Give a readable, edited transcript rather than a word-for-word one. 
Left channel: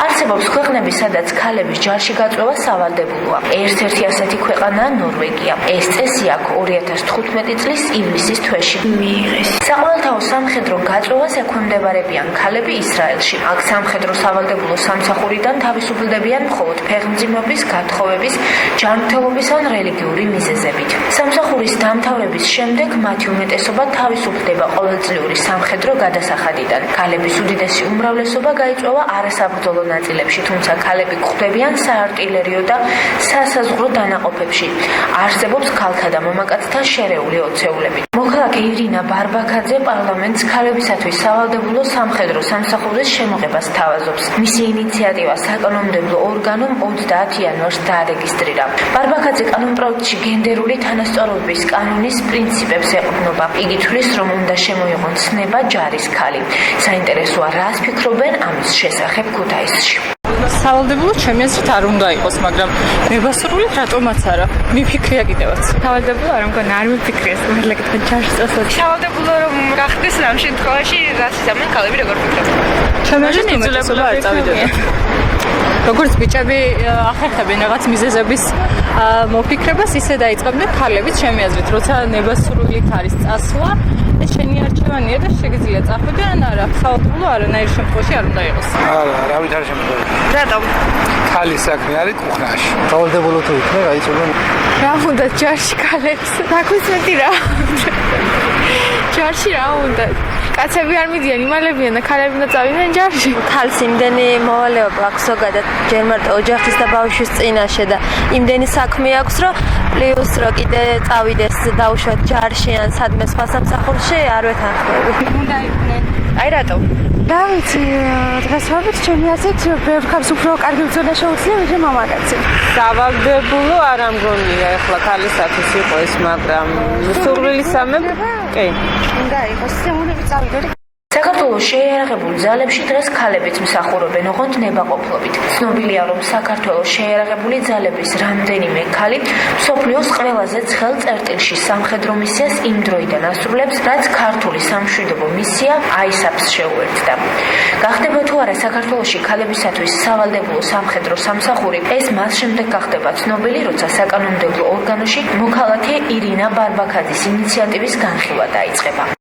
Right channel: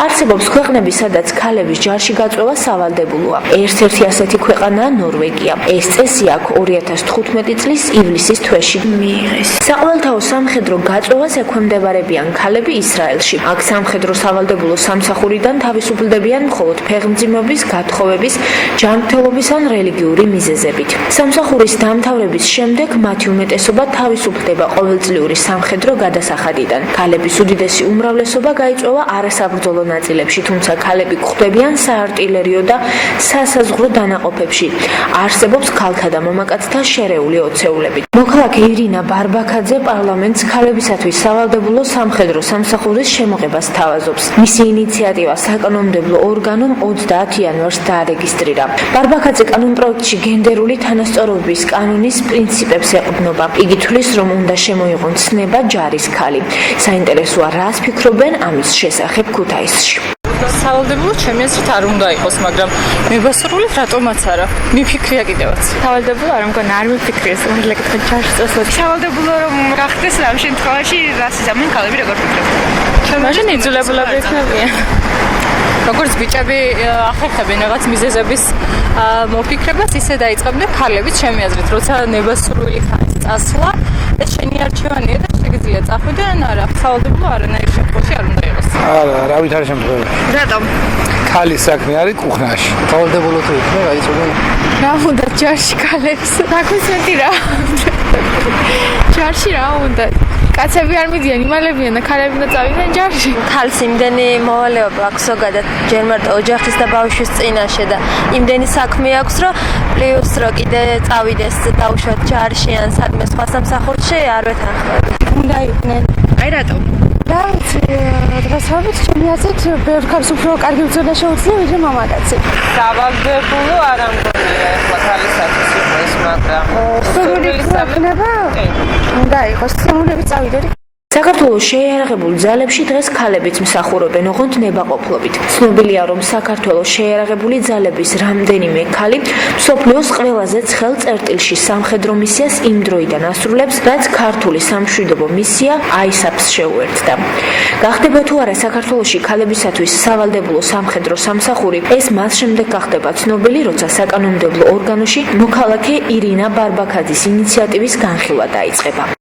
არსებობს ქვეყნები, სადაც ქალების ჯარში გაწვევა სავალდებულოა. ერთ-ერთი ასეთი ქვეყანაა ნორვეგია. ეს წესი აქ 2015 წლის ივლისის თვეში მიიღეს. საყოველთაო სამხედრო გაწვევას ექვემდებარებიან ქალები ისრაელში. აქ სამხედრო სავალდებულო სამსახურიდან თავისუფლდებიან მხოლოდ ფეხმძიმნობის, გათხოვების, ჯანმრთელობის ან რელიგიური მიზეზებით. სამსახურის დამთავრების შემდეგ მათი უმეტესობა თავისუფლდება ყოველწლიური სამხედრო გადასახადიდან. ქალების უდიდესი უმრავლესობა გაიწვევა არასაბრძოლო ნაწილებში, თუმცა ქალები გვხვდებიან საარტილერიო და სასაზღვრო დანაყოფებში. არსებობს ქალთა და მამაკაცთა შერეული ოცეულები. მოქალაქე ირინა ბარბაქაძე პარლამენტს ქალებისათვის სავალდებულო სამხედრო სამსახურის შემოღებას თავაზობს. მისი ინიციატივა საკანონმდებლო ორგანომ 30 იანვარს დაარეგისტრირა. ბარბაქაძე კანონპროექტში გენდერული თანასწორობის კანონის პრინციპებს ეყრდნობა. იგი თვლის, რომ უნდა შემოიღონ ცნება ჯარის ქალი. საინტერესოა, რას ფიქრობენ ამის შესახებ ქუთაისში. სავალდებულო ჩემი აზრით არ უნდა იყოს, მაგრამ მებასრულით რატომაც არა. მიფიქრია კიდევაც. სავალდებულო არ მგონა, არ მიფიქრია, მაგრამ კითხვა ჯარში წასვლა. სავალდებულო რომ გახდეს ამ შემთხვევაში რას იზამენ ქალები როგორ ფიქრობთ? ჩემი აზრით იძულებულები იქნებიან. როგორც ბიჭები ახერხებენ რაღაც მიზეზების მოფიქრებას, ისე დაიწყებდნენ ქალებიც ჩემი აზრით, როცა ნებასრულით არის წასვლა, ეს შენი არჩევანია და შეგიძლია წახვიდე ან არა. სავალდებულო არანაირ შემთხვევაში არ უნდა იყოს. არა, არავით არ შემთხვევაში. რატომ? ქალის საქმე არის კუხნაში. სავალდებულო თუ იქნება, გაიწვევენ. რა უნდა ჯარში ქალებს? დაგვისმენდი რა. ჯარში რა უნდა? კაცები არ მიდიან, იმალებიან და ქალები უნდა წავიდნენ ჯარში. ქალს იმდენი მოვალეობა აქვს ზოგადად ჯერ მარტო ოჯახის და ბავშვის წინაშე და იმდენი საქმე აქვს, რომ პლუს რო კიდე წავიდეს დაუშვათ ჯარში ან სადმე სხვა სამსახურში არ ვეთანხმები. უნდა იყვნენ. აი რატომ? რა ვიცი, დღესდღეობით ჩემი აზრით ბევრ ქალს უფრო კარგი ბრძოლა შეუძლია, ვიდრე მამაკაცი. სავალდებულო არ ამგონია ახლა ქალისათვის იყო ეს, მაგრამ სურვილი სამება? კი. უნდა იყოს, სამუნები წავიდოდი. საქართველოს შეიარაღებულ ძალებში დღეს ქალებიც მსახურობენ, ოღონდ ნებაყოფლობით. ცნობილია, რომ საქართველოს შეიარაღებული ძალების რამდენიმე ქალი მსოფლიოს ყველაზე ცხელ წერტილში სამხედრო მისიას იმ დროიდან ასრულებს, რაც ქართული სამშვიდობო მისია ISAF-ს შეუერთდა. გახდება თუ არა საქართველოში ქალებისათვის სავალდებულო სამხედრო სამსახური, ეს მას შემდეგ გახდება ცნობილი, როცა საკანონმდებლო ორგანოში მოქალაქე ირინა ბარბაქაძის ინიციატივის განხილვა დაიწყება.